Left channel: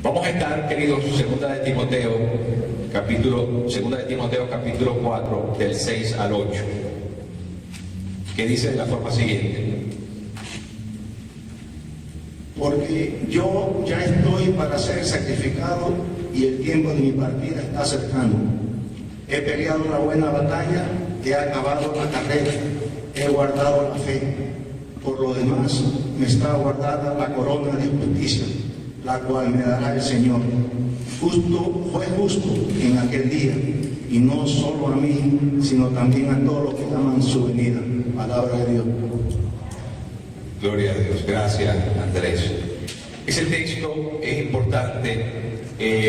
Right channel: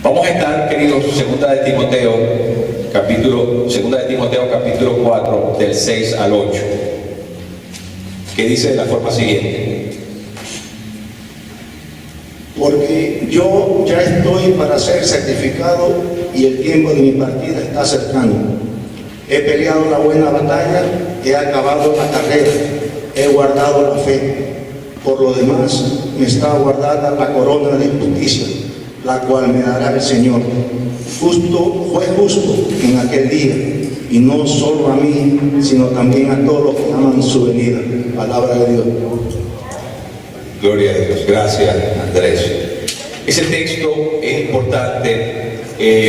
Vamos a estar, queridos, segunda de Timoteo capítulo 4, del 6 al 8, que dice de la forma siguiente: Porque yo ya estoy para ser certificado y el tiempo de mi partida está cercano. He peleado la buena batalla, he acabado la carrera, he guardado la fe. Por lo demás, me está guardada la corona de justicia, la cual me dará el Señor, juez justo en aquel día, y no solo a mí, sino también a todos los que aman su venida. Palabra de Dios. Gloria a Dios. Gracias, Andrés. Ese texto es importante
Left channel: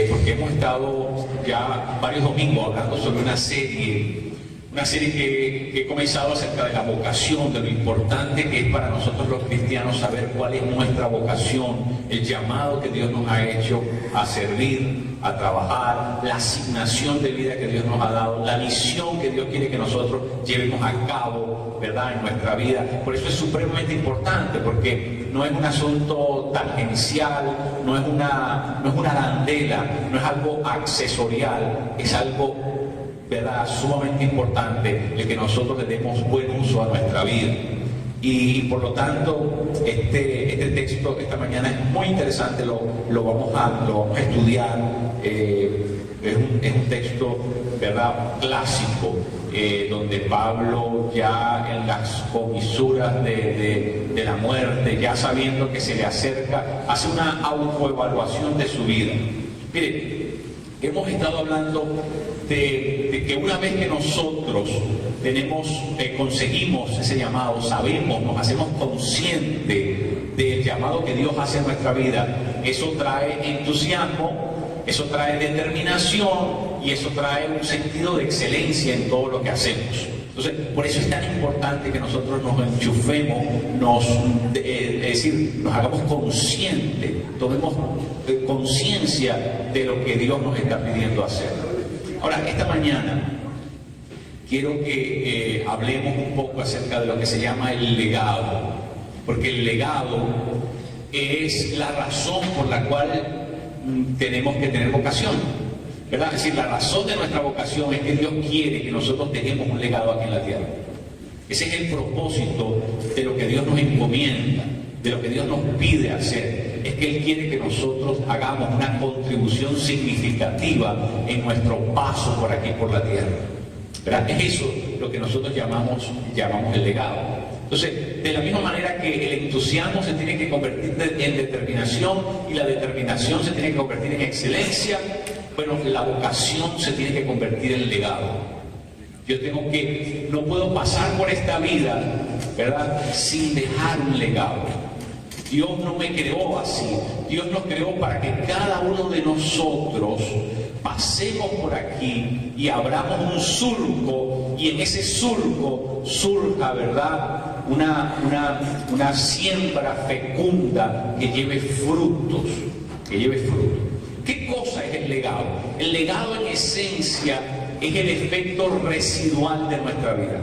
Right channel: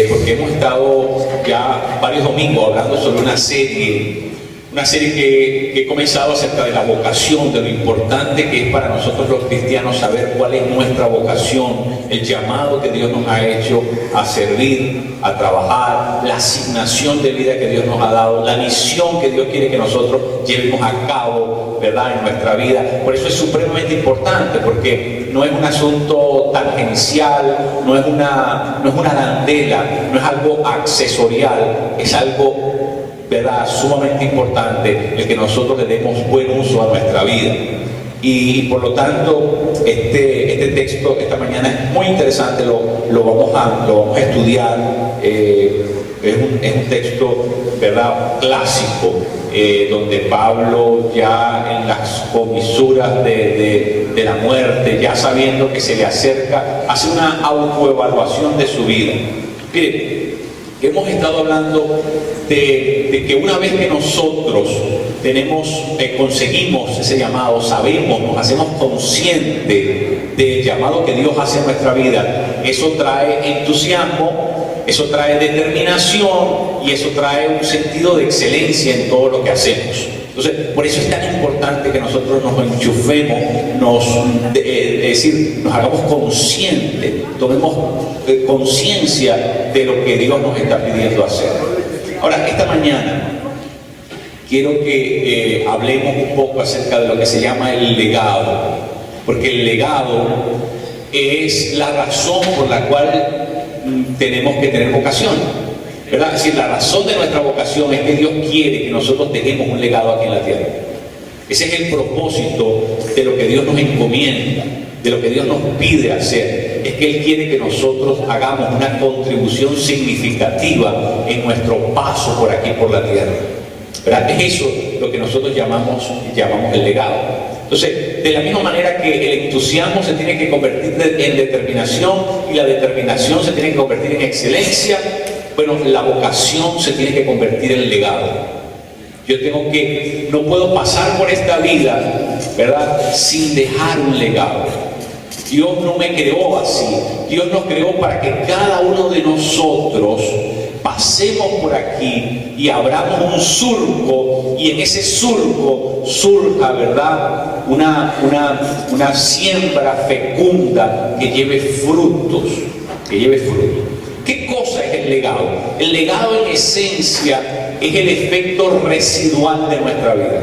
porque hemos estado ya varios domingos hablando sobre una serie que he comenzado acerca de la vocación, de lo importante que es para nosotros los cristianos saber cuál es nuestra vocación, el llamado que Dios nos ha hecho a servir, a trabajar, la asignación de vida que Dios nos ha dado, la misión que Dios quiere que nosotros llevemos a cabo, ¿verdad?, en nuestra vida. Por eso es supremamente importante, porque no es un asunto tangencial, no es una arandela, no es algo accesorial, es algo, ¿verdad?, sumamente importante el que nosotros le demos buen uso a nuestra vida. Y por lo tanto, este texto esta mañana es muy interesante, lo vamos a estudiar. Es un texto, ¿verdad?, clásico, donde Pablo, ya en las comisuras de la muerte, ya sabiendo que se le acerca, hace una autoevaluación de su vida. Mire, hemos estado hablando de que una vez que nosotros conseguimos ese llamado, sabemos, nos hacemos conscientes del llamado que Dios hace en nuestra vida, eso trae entusiasmo, eso trae determinación y eso trae un sentido de excelencia en todo lo que hacemos. Entonces, por eso es tan importante que nosotros nos enchufemos, es decir, nos hagamos conscientes, tomemos conciencia de lo que Dios nos está pidiendo hacer. Ahora, esta mañana quiero que hablemos un poco acerca de lo que se llama el legado, porque el legado es la razón por la cual tenemos que tener vocación, ¿verdad? Es decir, la razón de nuestra vocación es que Dios quiere que nosotros dejemos un legado aquí en la tierra. Ese es el propósito de lo que Dios nos encomienda, de lo que Dios nos pide hacer. Es que Él quiere que nosotros hagamos una contribución significativa en nuestro paso por aquí, por la tierra, ¿verdad? Es eso lo que nosotros llamamos el legado. Entonces, de la misma manera que el entusiasmo se tiene que convertir en determinación y la determinación se tiene que convertir en excelencia, bueno, la vocación se tiene que convertir en legado. No puedo pasar por esta vida, ¿verdad?, sin dejar un legado. Dios no me creó así. Dios nos creó para que cada uno de nosotros pasemos por aquí y abramos un surco, y en ese surco surja, ¿verdad?, una siembra fecunda que lleve frutos, ¿Qué cosa es el legado? El legado, en esencia, es el efecto residual de nuestra vida.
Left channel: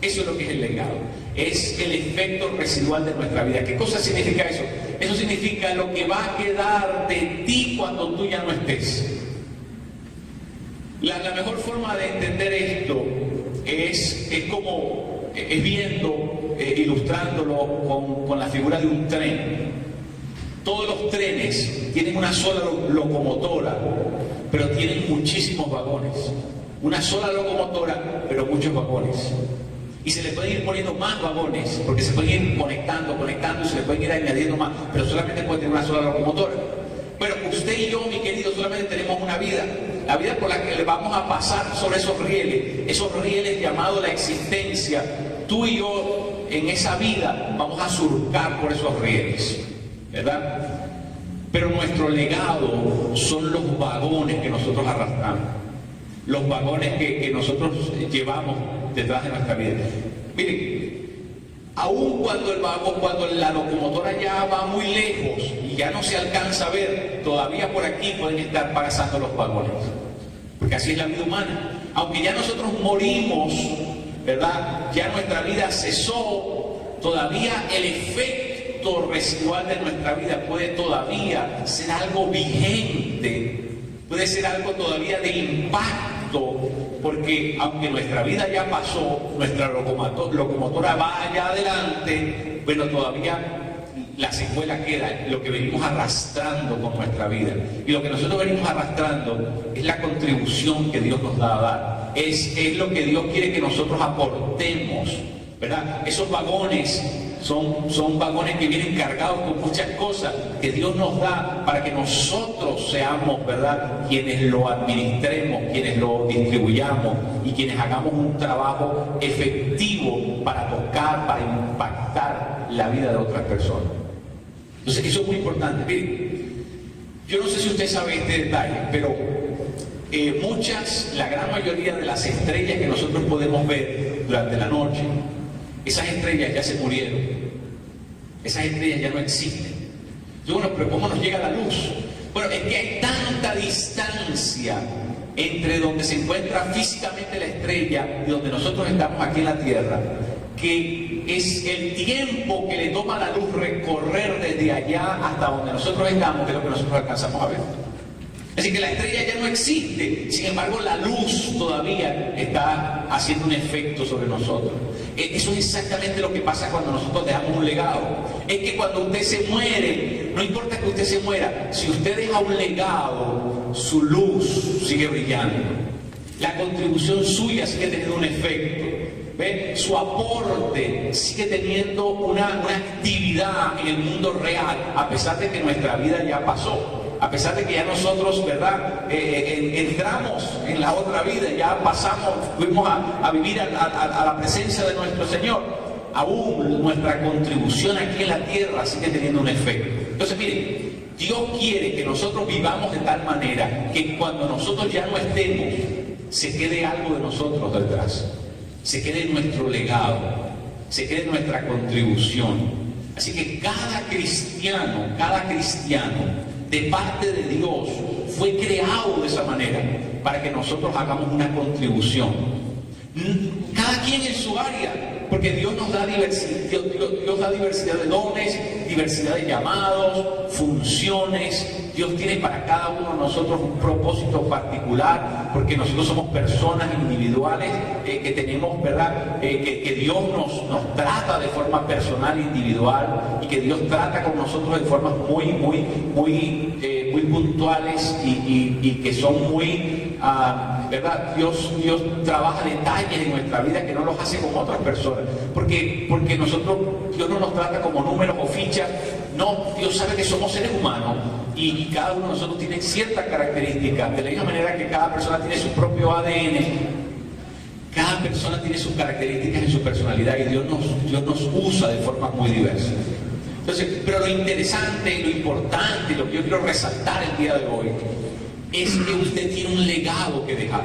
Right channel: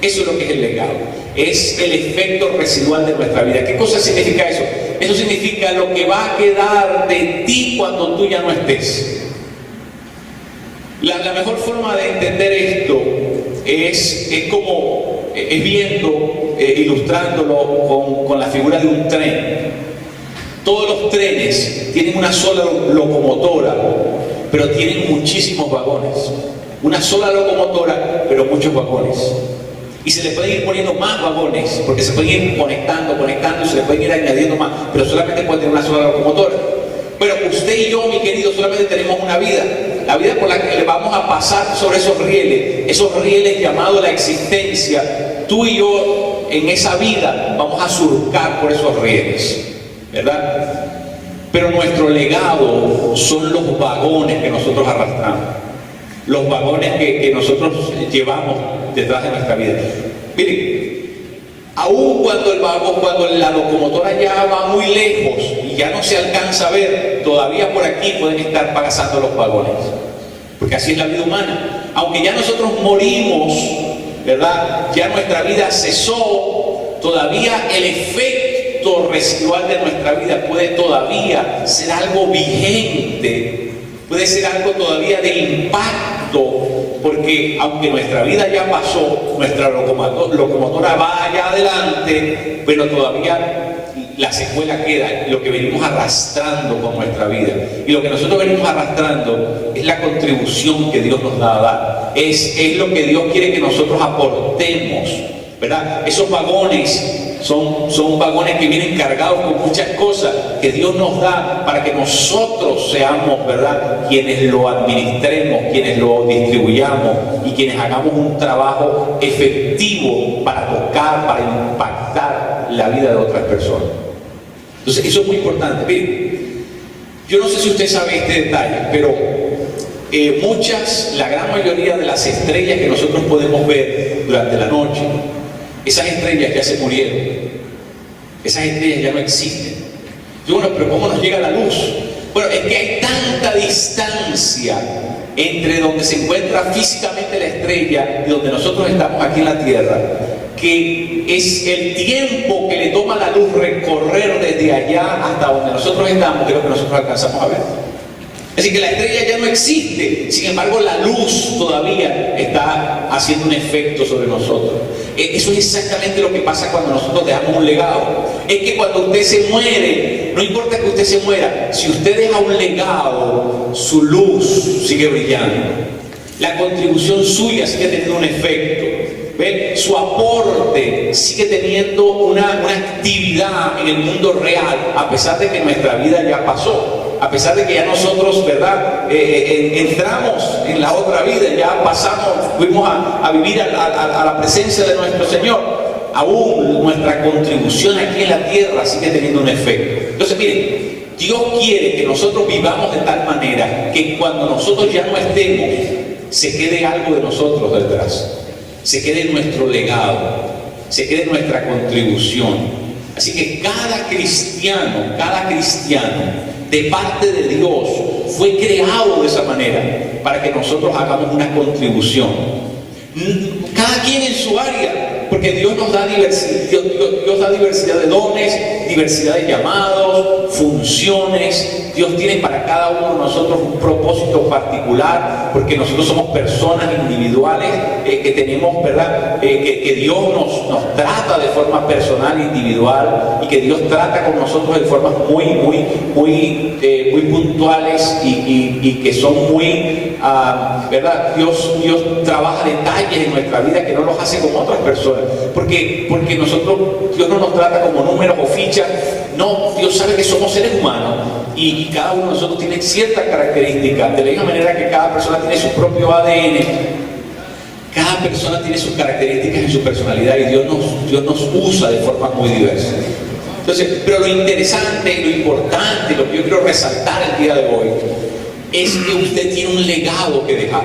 Eso es lo que es el legado. Es el efecto residual de nuestra vida. ¿Qué cosa significa eso? Eso significa lo que va a quedar de ti cuando tú ya no estés. La mejor forma de entender esto es viendo, ilustrándolo con la figura de un tren. Todos los trenes tienen una sola locomotora, pero tienen muchísimos vagones. Una sola locomotora, pero muchos vagones. Y se le pueden ir poniendo más vagones, porque se pueden ir conectando, y se le pueden ir añadiendo más, pero solamente puede tener una sola locomotora. Pero usted y yo, mi querido, solamente tenemos una vida. La vida por la que le vamos a pasar sobre esos rieles llamados la existencia. Tú y yo, en esa vida, vamos a surcar por esos rieles, ¿verdad? Pero nuestro legado son los vagones que nosotros arrastramos, los vagones que nosotros llevamos detrás de nuestra vida. Miren, aun cuando la locomotora ya va muy lejos y ya no se alcanza a ver, todavía por aquí pueden estar pasando los vagones, porque así es la vida humana. Aunque ya nosotros morimos, ¿verdad?, ya nuestra vida cesó, todavía el efecto efecto residual de nuestra vida puede todavía ser algo vigente, puede ser algo todavía de impacto, porque aunque nuestra vida ya pasó, nuestra locomotora va allá adelante, pero todavía la secuela queda, lo que venimos arrastrando con nuestra vida. Y lo que nosotros venimos arrastrando es la contribución que Dios nos da a dar. Es lo que Dios quiere que nosotros aportemos, ¿verdad? Esos vagones son vagones que vienen cargados con muchas cosas que Dios nos da para que nosotros seamos, ¿verdad?, quienes lo administremos, quienes lo distribuyamos y quienes hagamos un trabajo efectivo para tocar, para impactar la vida de otras personas. Entonces, eso es muy importante. Miren, yo no sé si usted sabe este detalle, pero la gran mayoría de las estrellas que nosotros podemos ver durante la noche, esas estrellas ya se murieron, esas estrellas ya no existen. Yo, bueno, pero ¿cómo nos llega la luz? Bueno, es que hay tanta distancia entre donde se encuentra físicamente la estrella y donde nosotros estamos aquí en la Tierra, que es el tiempo que le toma la luz recorrer desde allá hasta donde nosotros estamos, que es lo que nosotros alcanzamos a ver. Así que la estrella ya no existe, sin embargo la luz todavía está haciendo un efecto sobre nosotros. Eso es exactamente lo que pasa cuando nosotros dejamos un legado. Es que cuando usted se muere, no importa que usted se muera, si usted deja un legado, su luz sigue brillando. La contribución suya sigue teniendo un efecto. ¿Ve? Su aporte sigue teniendo una actividad en el mundo real, a pesar de que nuestra vida ya pasó. A pesar de que ya nosotros, ¿verdad?, entramos en la otra vida, ya pasamos, fuimos a vivir a la presencia de nuestro Señor, aún nuestra contribución aquí en la tierra sigue teniendo un efecto. Entonces, miren, Dios quiere que nosotros vivamos de tal manera que cuando nosotros ya no estemos, se quede algo de nosotros detrás, se quede nuestro legado, se quede nuestra contribución. Así que cada cristiano, de parte de Dios, fue creado de esa manera para que nosotros hagamos una contribución. Cada quien en su área, porque Dios nos da Dios da diversidad de dones, diversidad de llamados, funciones. Dios tiene para cada uno de nosotros un propósito particular, porque nosotros somos personas individuales que tenemos, ¿verdad?, que Dios nos trata de forma personal e individual, y que Dios trata con nosotros de formas muy puntuales y que son muy, ¿verdad? Dios trabaja detalles en nuestra vida que no los hace con otras personas, porque Dios no nos trata como números o fichas. No, Dios sabe que somos seres humanos y cada uno de nosotros tiene ciertas características, de la misma manera que cada persona tiene su propio ADN. Cada persona tiene sus características y su personalidad, y Dios nos usa de formas muy diversas. Entonces, pero lo interesante y lo importante, lo que yo quiero resaltar el día de hoy, es que usted tiene un legado que dejar.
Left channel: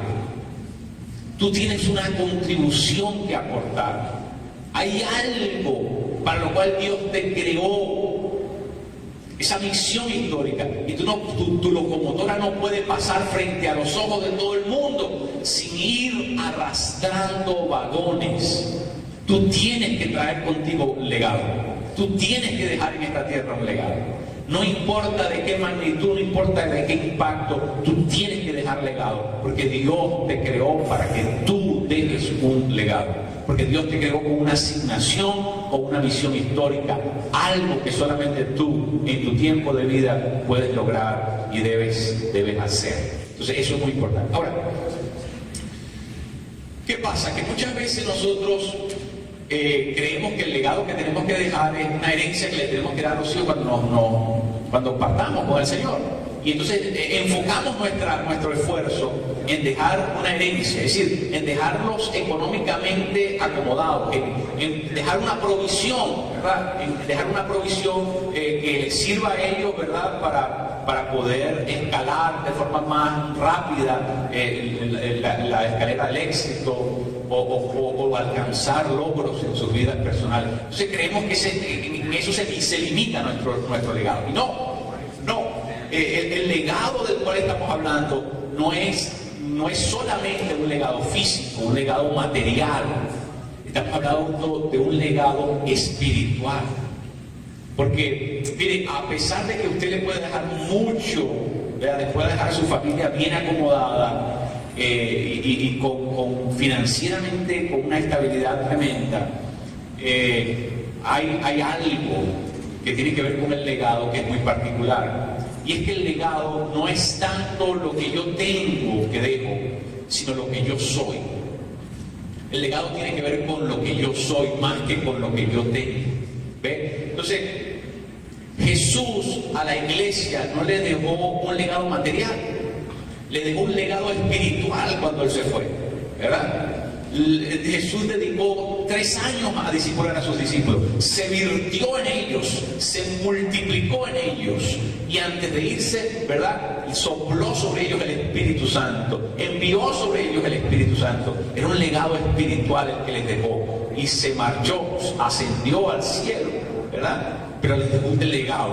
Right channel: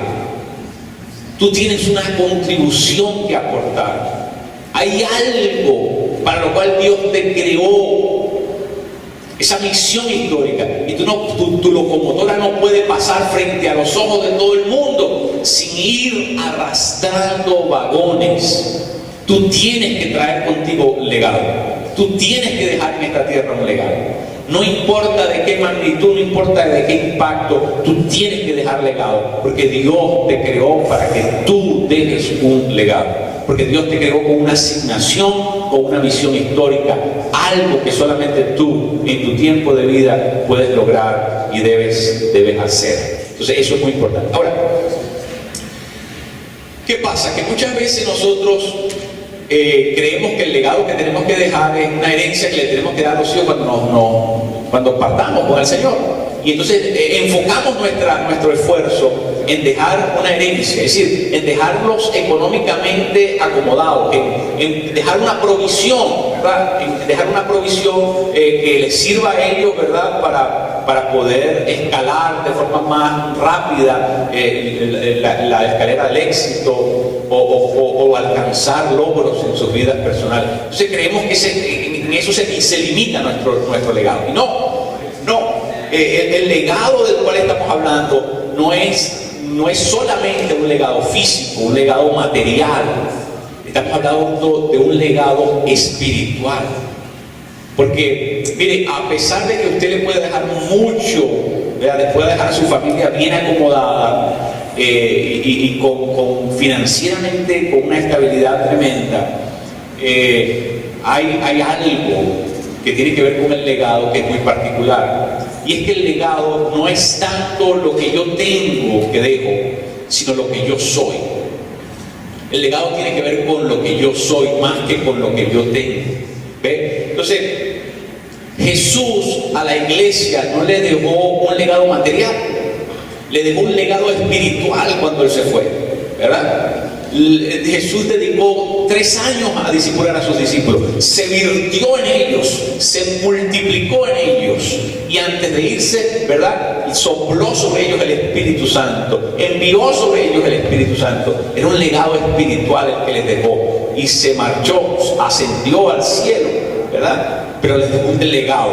Tú tienes una contribución que aportar. Hay algo para lo cual Dios te creó, esa misión histórica, y tu locomotora no puede pasar frente a los ojos de todo el mundo sin ir arrastrando vagones. Tú tienes que traer contigo legado. Tú tienes que dejar en esta tierra un legado. No importa de qué magnitud, no importa de qué impacto, tú tienes que dejar legado, porque Dios te creó para que tú dejes un legado. Porque Dios te creó con una asignación, con una misión histórica, algo que solamente tú en tu tiempo de vida puedes lograr y debes hacer. Entonces eso es muy importante. Ahora, ¿qué pasa? Que muchas veces nosotros creemos que el legado que tenemos que dejar es una herencia que le tenemos que dar a los hijos cuando partamos con el Señor. Y entonces enfocamos nuestro esfuerzo en dejar una herencia, es decir, en dejarlos económicamente acomodados, en dejar una provisión, ¿verdad? En dejar una provisión que les sirva a ellos, ¿verdad?, para poder escalar de forma más rápida la escalera del éxito o alcanzar logros en sus vidas personales. Entonces creemos que en eso se limita nuestro legado. Y no. El legado del cual estamos hablando no es solamente un legado físico, un legado material. Estamos hablando de un legado espiritual. Porque, mire, a pesar de que usted le puede dejar mucho, ¿verdad? Le puede dejar a su familia bien acomodada y con financieramente con una estabilidad tremenda, hay algo que tiene que ver con el legado que es muy particular. Y es que el legado no es tanto lo que yo tengo que dejo, sino lo que yo soy. El legado tiene que ver con lo que yo soy más que con lo que yo tengo. ¿Ve? Entonces, Jesús a la iglesia no le dejó un legado material, le dejó un legado espiritual cuando Él se fue, ¿verdad? Jesús dedicó 3 años a discipular a sus discípulos, se virtió en ellos, se multiplicó en ellos, y antes de irse, ¿verdad?, sopló sobre ellos el Espíritu Santo, envió sobre ellos el Espíritu Santo. Era un legado espiritual el que les dejó, y se marchó, ascendió al cielo, ¿verdad? Pero les dejó un legado,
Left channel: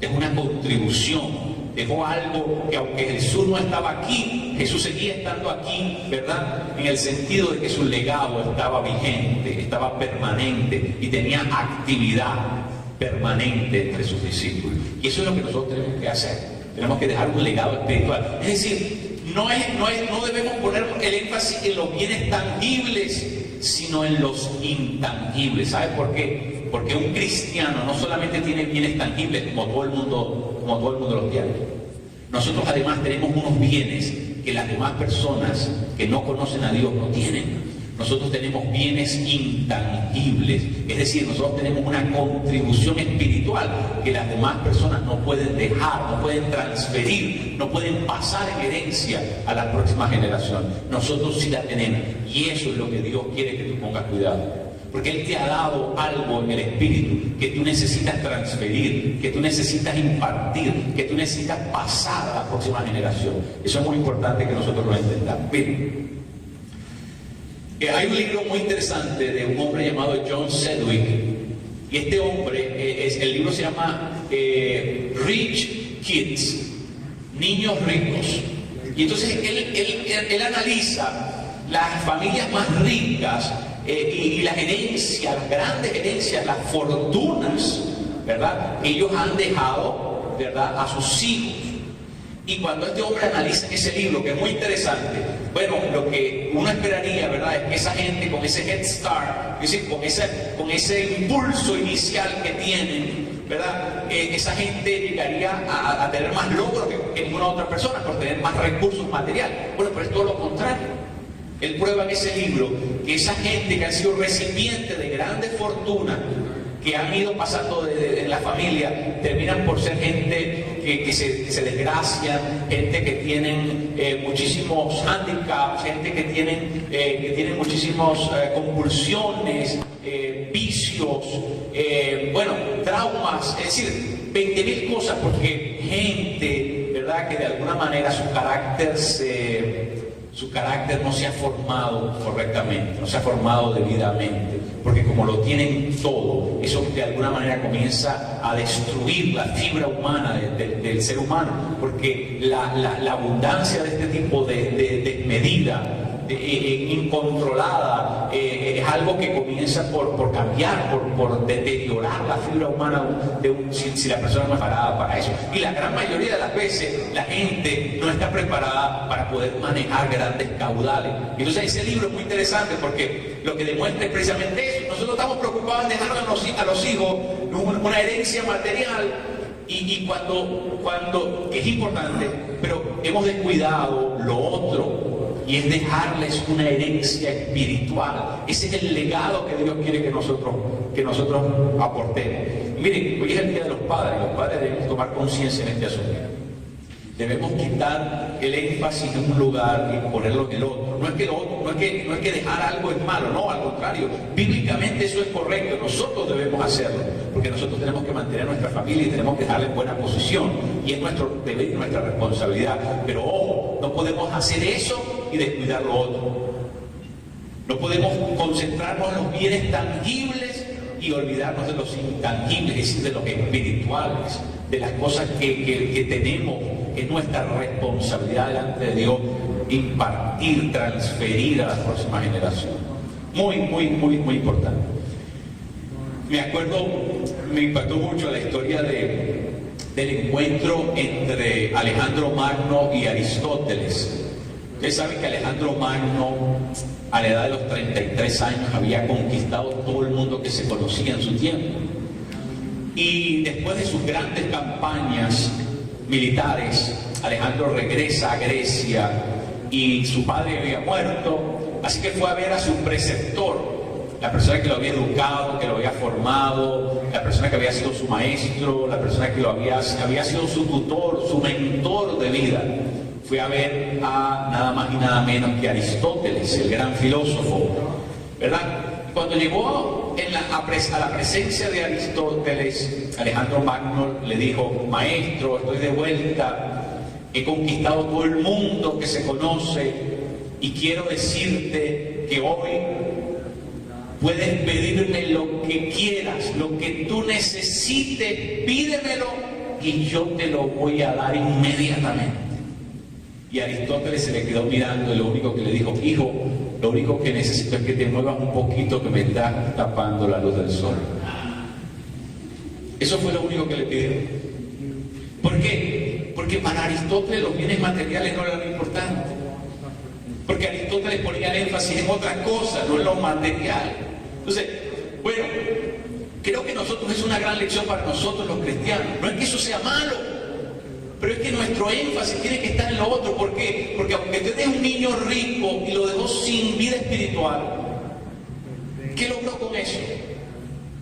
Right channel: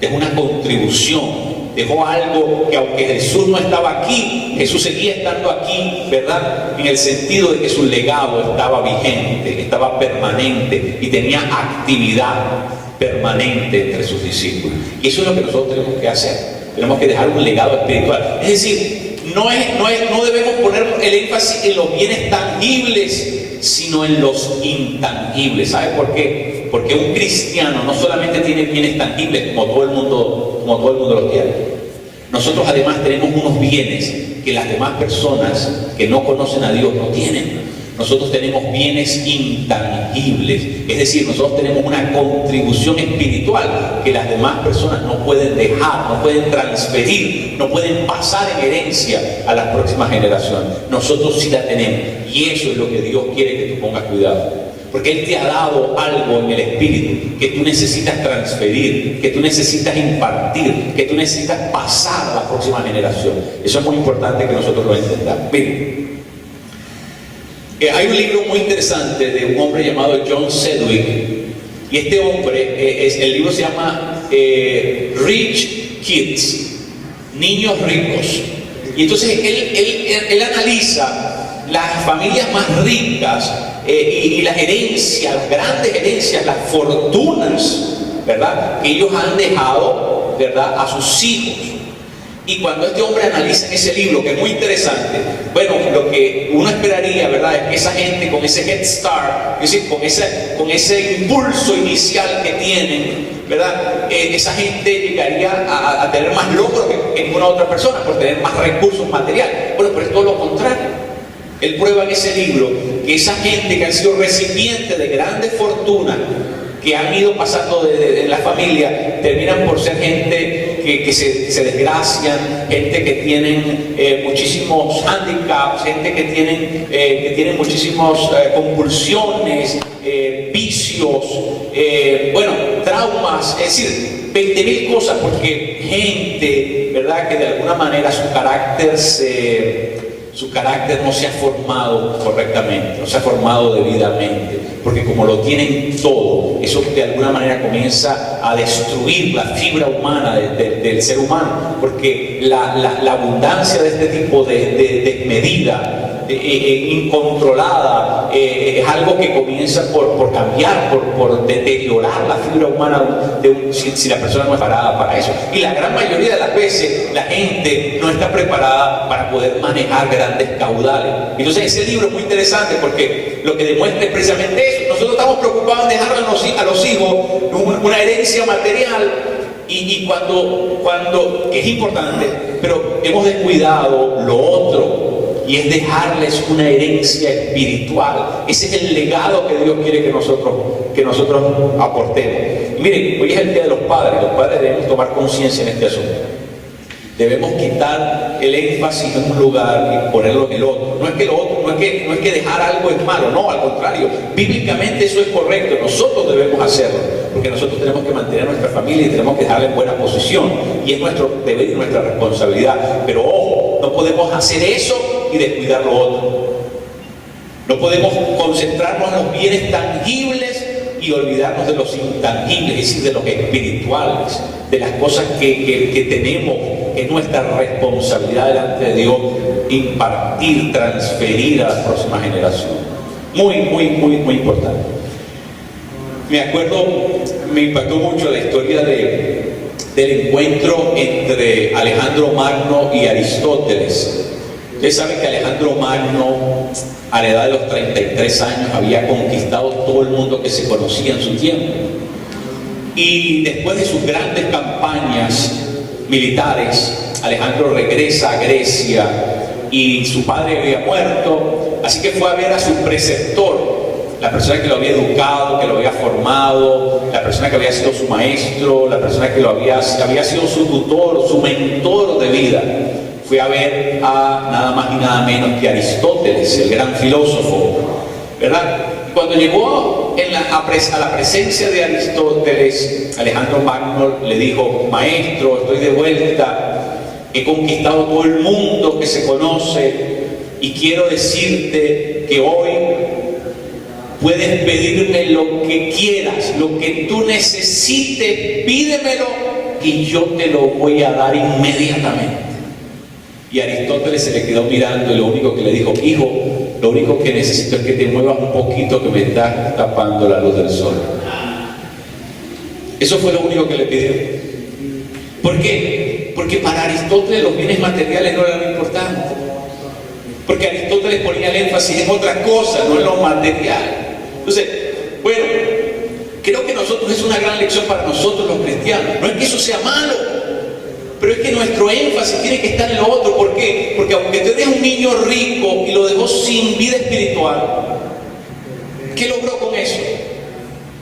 dejó una contribución, dejó algo que, aunque Jesús no estaba aquí, Jesús seguía estando aquí, ¿verdad? En el sentido de que su legado estaba vigente, estaba permanente y tenía actividad permanente entre sus discípulos. Y eso es lo que nosotros tenemos que hacer. Tenemos que dejar un legado espiritual. Es decir, no debemos poner el énfasis en los bienes tangibles, sino en los intangibles. ¿Sabe por qué? Porque un cristiano no solamente tiene bienes tangibles como todo el mundo los tiene. Nosotros además tenemos unos bienes que las demás personas que no conocen a Dios no tienen. Nosotros tenemos bienes intangibles, es decir, nosotros tenemos una contribución espiritual que las demás personas no pueden dejar, no pueden transferir, no pueden pasar en herencia a las próximas generaciones. Nosotros sí la tenemos, y eso es lo que Dios quiere que tú pongas cuidado. Porque Él te ha dado algo en el espíritu que tú necesitas transferir, que tú necesitas impartir, que tú necesitas pasar a la próxima generación. Eso es muy importante que nosotros lo entendamos. Miren, hay un libro muy interesante de un hombre llamado John Sedgwick, y este hombre, el libro se llama Rich Kids, Niños Ricos. Y entonces él analiza las familias más ricas y las herencias, las grandes herencias, las fortunas, ¿verdad?, que ellos han dejado, ¿verdad?, a sus hijos. Y cuando este hombre analiza en ese libro, que es muy interesante, bueno, lo que uno esperaría, ¿verdad?, es que esa gente con ese head start, es decir, con ese impulso inicial que tienen, ¿verdad?, esa gente llegaría a tener más logros que ninguna otra persona por tener más recursos materiales. Bueno, pero es todo lo contrario. Él prueba en ese libro que esa gente que han sido recipientes de grandes fortunas que han ido pasando en la familia, terminan por ser gente que se desgracian, gente que tienen muchísimos handicaps, gente que tienen muchísimas compulsiones, vicios, traumas, es decir, 20.000 cosas, porque gente, ¿verdad?, que de alguna manera su carácter no se ha formado correctamente, no se ha formado debidamente, porque como lo tienen todo, eso de alguna manera comienza a destruir la fibra humana del ser humano, porque la abundancia de este tipo de desmedida, incontrolada, es algo que comienza por cambiar, por deteriorar la fibra humana si la persona no es preparada para eso. Y la gran mayoría de las veces la gente no está preparada para poder manejar grandes caudales. Entonces ese libro es muy interesante porque lo que demuestra es precisamente eso. Nosotros estamos preocupados en dejarle a los hijos una herencia material, y cuando que es importante, pero hemos descuidado lo otro, y es dejarles una herencia espiritual. Ese es el legado que Dios quiere que nosotros aportemos. Y miren, hoy es el Día de los Padres. Los padres debemos tomar conciencia en este asunto. Debemos quitar el énfasis en un lugar y ponerlo en el otro. No es que dejar algo es malo, no, al contrario. Bíblicamente eso es correcto, nosotros debemos hacerlo, porque nosotros tenemos que mantener a nuestra familia y tenemos que dejarla en buena posición, y es nuestro deber y nuestra responsabilidad. Pero ojo, no podemos hacer eso y descuidar lo otro. No podemos concentrarnos en los bienes tangibles y olvidarnos de los intangibles, es decir, de los espirituales, de las cosas que tenemos. Es nuestra responsabilidad delante de Dios impartir, transferir a la próxima generación. Muy, muy, muy, muy importante. Me acuerdo, me impactó mucho la historia del encuentro entre Alejandro Magno y Aristóteles. Ustedes saben que Alejandro Magno, a la edad de los 33 años, había conquistado todo el mundo que se conocía en su tiempo. Y después de sus grandes campañas militares, Alejandro regresa a Grecia y su padre había muerto, así que fue a ver a su preceptor, la persona que lo había educado, que lo había formado, la persona que había sido su maestro, la persona que había sido su tutor, su mentor de vida. Fue a ver a nada más y nada menos que Aristóteles, el gran filósofo, ¿verdad? Y cuando llegó a la presencia de Aristóteles, Alejandro Magno le dijo: maestro, estoy de vuelta, he conquistado todo el mundo que se conoce y quiero decirte que hoy puedes pedirme lo que quieras, lo que tú necesites, pídemelo y yo te lo voy a dar inmediatamente. Y Aristóteles se le quedó mirando y lo único que le dijo: hijo, lo único que necesito es que te muevas un poquito, que me estás tapando la luz del sol. Eso fue lo único que le pidió. ¿Por qué? Porque para Aristóteles los bienes materiales no eran lo importante. Porque Aristóteles ponía el énfasis en otras cosas, no en lo material. Entonces, bueno, creo que nosotros es una gran lección para nosotros los cristianos. No es que eso sea malo, pero es que nuestro énfasis tiene que estar en lo otro. ¿Por qué? Porque aunque te des un niño rico y lo dejó sin vida espiritual, ¿qué logró con eso?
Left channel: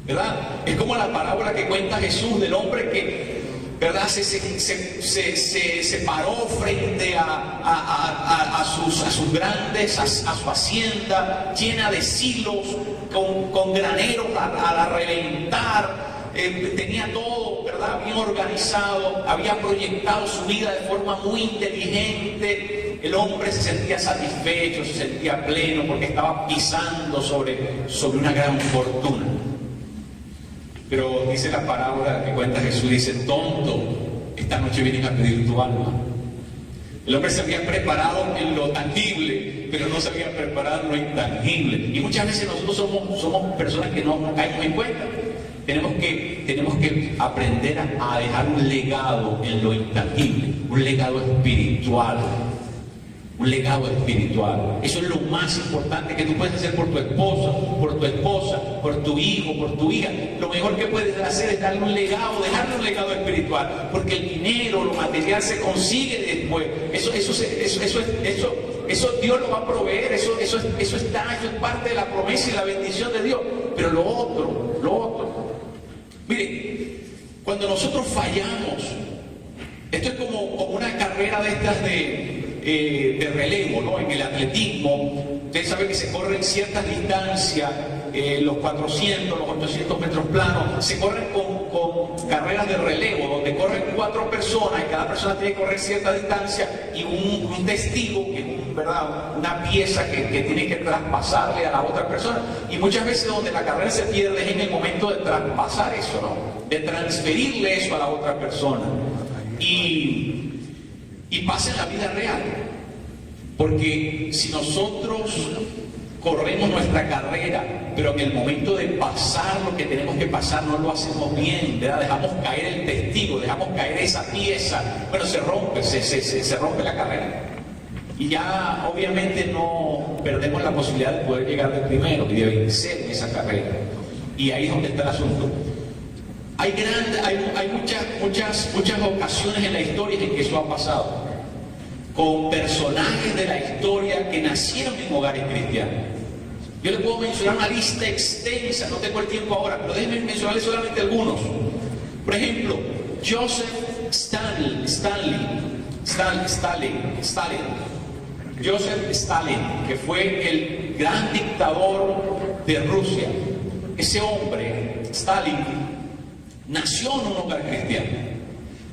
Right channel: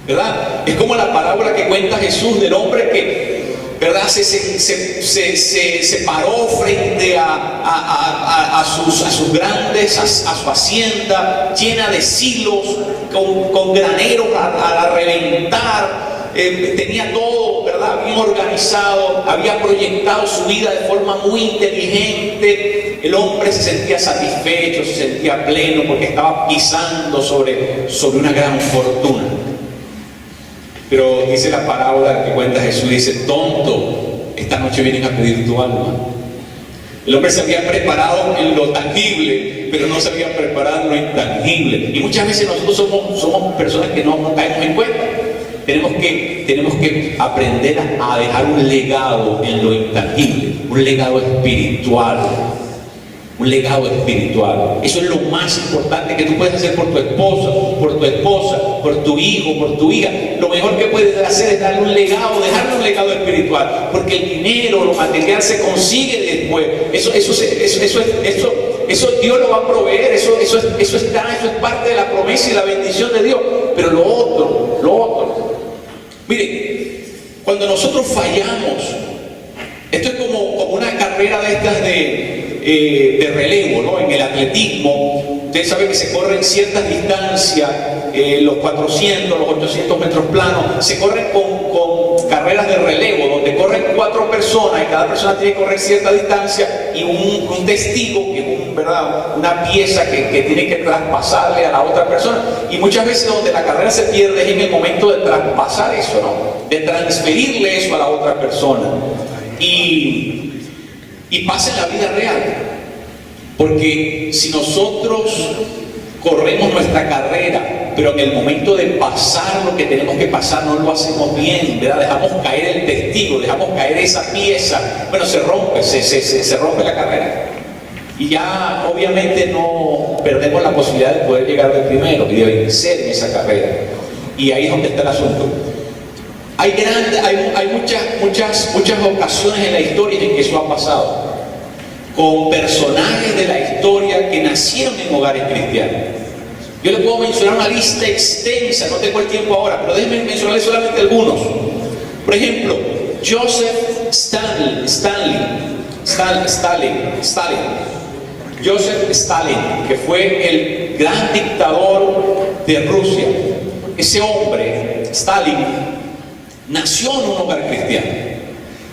¿Verdad? Es como la parábola que cuenta Jesús del hombre que, ¿verdad?, se paró frente a sus grandes, a su hacienda llena de silos, con graneros a reventar. Tenía todo, ¿verdad?, bien organizado, había proyectado su vida de forma muy inteligente. El hombre se sentía satisfecho, se sentía pleno porque estaba pisando sobre una gran fortuna. Pero dice la parábola que cuenta Jesús, dice: tonto, esta noche vienen a pedir tu alma. El hombre se había preparado en lo tangible, pero no se había preparado en lo intangible. Y muchas veces nosotros somos personas que no caemos en cuenta. Tenemos que aprender a dejar un legado en lo intangible, un legado espiritual. Un legado espiritual. Eso es lo más importante que tú puedes hacer por tu esposo, por tu esposa, por tu hijo, por tu hija. Lo mejor que puedes hacer es darle un legado, dejarle un legado espiritual, porque el dinero, lo material se consigue después. Eso Dios lo va a proveer. Eso es parte de la promesa y la bendición de Dios. Pero lo otro. Mire, cuando nosotros fallamos, esto es como una carrera de estas de relevo, ¿no? En el atletismo, ustedes saben que se corren ciertas distancias, los 400, los 800 metros planos, se corren con carreras de relevo, donde corren 4 personas y cada persona tiene que correr cierta distancia y un testigo, que es ¿verdad?, una pieza que tiene que traspasarle a la otra persona. Y muchas veces donde la carrera se pierde es en el momento de traspasar eso, ¿no?, de transferirle eso a la otra persona. Y pasa en la vida real, porque si nosotros corremos nuestra carrera, pero en el momento de pasar lo que tenemos que pasar no lo hacemos bien, ¿verdad?, dejamos caer el testigo, dejamos caer esa pieza, bueno, se rompe la carrera. Y ya obviamente no perdemos la posibilidad de poder llegar de primero y de vencer en esa carrera. Y ahí es donde está el asunto. Hay muchas ocasiones en la historia en que eso ha pasado, con personajes de la historia que nacieron en hogares cristianos. Yo les puedo mencionar una lista extensa, no tengo el tiempo ahora, pero déjenme mencionarles solamente algunos. Por ejemplo, Joseph Stalin, Joseph Stalin, que fue el gran dictador de Rusia. Ese hombre, Stalin, nació en un hogar cristiano.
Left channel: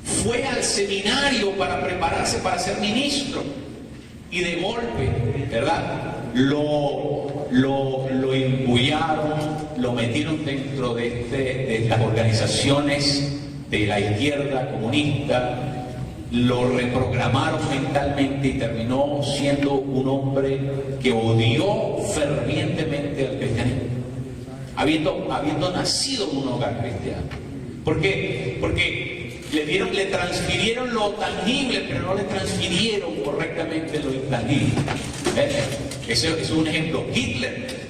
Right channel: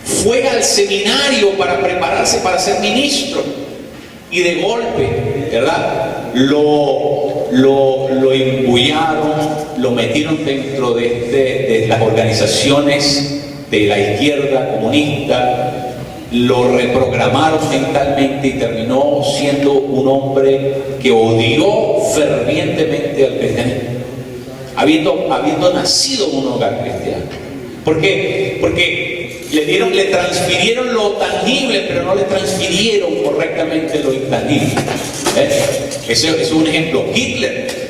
Fue al seminario para prepararse para ser ministro. Y de golpe, ¿verdad?, lo imbullaron, lo metieron dentro de las organizaciones de la izquierda comunista, lo reprogramaron mentalmente y terminó siendo un hombre que odió fervientemente al cristianismo. habiendo nacido en un hogar cristiano. ¿Por qué? Porque le transfirieron lo tangible, pero no le transfirieron correctamente lo intangible. Ese es un ejemplo. Hitler.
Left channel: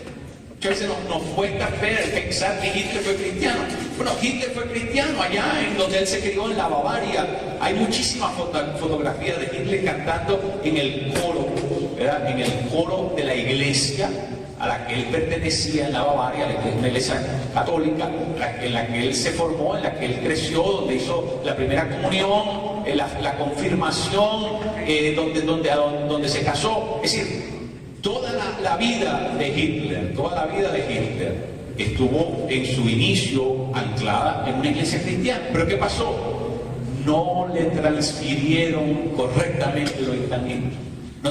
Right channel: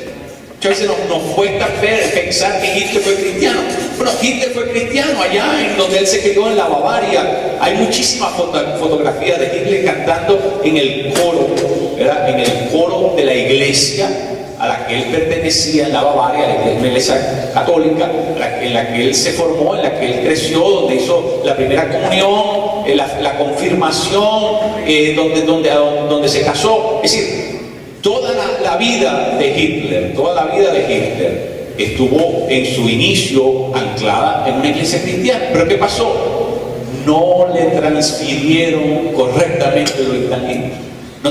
Muchas veces nos cuesta pensar que Hitler fue cristiano. Bueno, Hitler fue cristiano allá en donde él se crió, en la Bavaria. Hay muchísimas fotografías de Hitler cantando en el coro, ¿verdad? En el coro de la iglesia a la que él pertenecía en la Bavaria, la iglesia católica, en la que él se formó, en la que él creció, donde hizo la primera comunión, la confirmación, donde se casó. Es decir, toda la vida de Hitler, estuvo en su inicio anclada en una iglesia cristiana. ¿Pero qué pasó? No le transfirieron correctamente lo intangible. No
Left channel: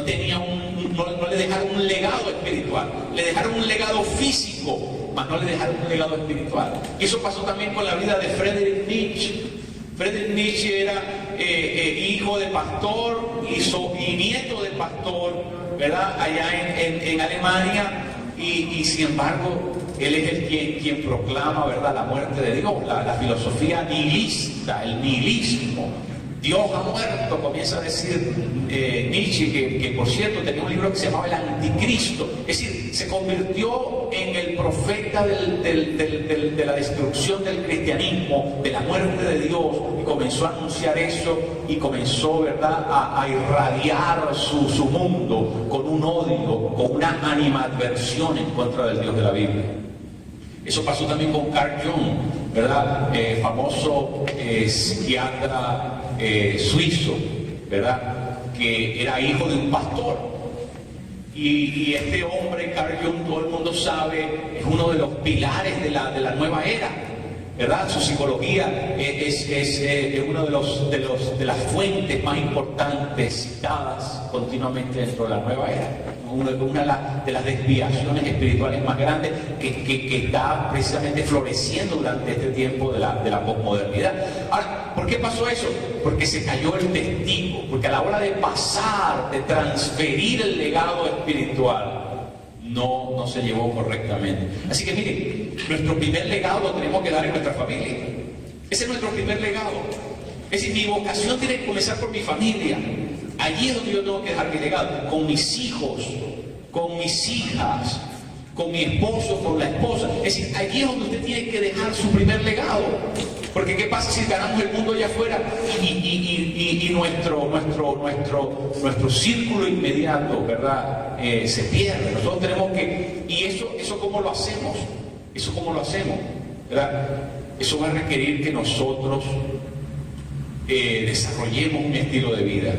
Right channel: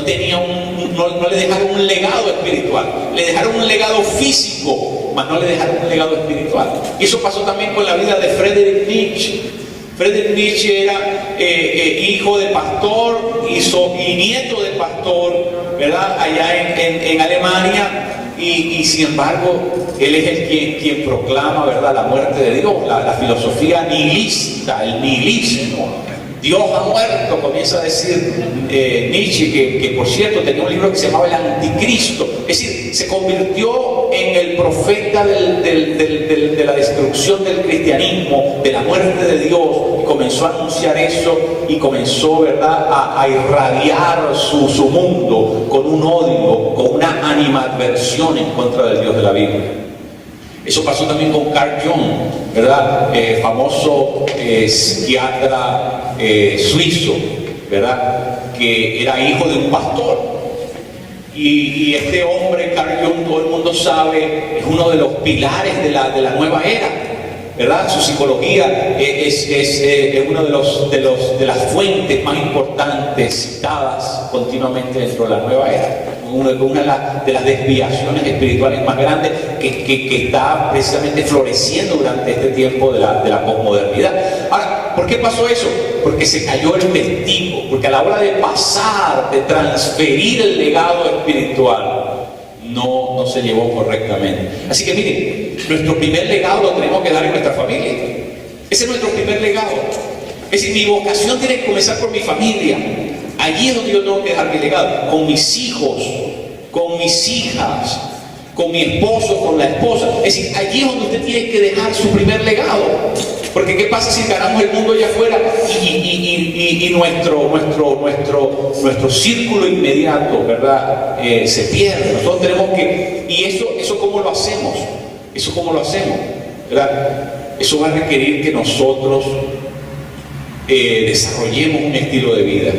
le dejaron un legado espiritual. Le dejaron un legado físico, mas no le dejaron un legado espiritual. Y eso pasó también con la vida de Friedrich Nietzsche. Friedrich Nietzsche era hijo de pastor y nieto de pastor, ¿verdad? Allá en Alemania, y sin embargo él es quien proclama, ¿verdad?, la muerte de Dios, la filosofía nihilista, el nihilismo. Dios ha muerto, comienza a decir Nietzsche, que por cierto tenía un libro que se llamaba El Anticristo. Es decir, se convirtió en el profeta de la destrucción del cristianismo, de la muerte de Dios, y comenzó a anunciar eso, y comenzó, ¿verdad?, a irradiar su mundo con un odio, con una animadversión en contra del Dios de la Biblia. Eso pasó también con Carl Jung, ¿verdad? Famoso psiquiatra suizo, ¿verdad? Que era hijo de un pastor. Y este hombre, Carl Jung, todo el mundo sabe, es uno de los pilares de la nueva era, ¿verdad? Su psicología es uno de las fuentes más importantes citadas continuamente dentro de la nueva era. Una de las desviaciones espirituales más grandes que está precisamente floreciendo durante este tiempo de la posmodernidad. Ahora, ¿por qué pasó eso? Porque se cayó el testigo, porque a la hora de pasar, de transferir el legado espiritual, no se llevó correctamente. Así que miren, nuestro primer legado lo tenemos que dar en nuestra familia. Ese es nuestro primer legado. Es decir, mi vocación tiene que comenzar por mi familia. Allí es donde yo tengo que dejar mi legado, con mis hijos, con mis hijas, con mi esposo, con la esposa. Es decir, allí es donde usted tiene que dejar su primer legado. Porque ¿qué pasa si ganamos el mundo allá afuera y nuestro círculo inmediato, ¿verdad?, se pierde? Nosotros tenemos que... ¿Y eso cómo lo hacemos? ¿Eso cómo lo hacemos? ¿Verdad? Eso va a requerir que nosotros desarrollemos un estilo de vida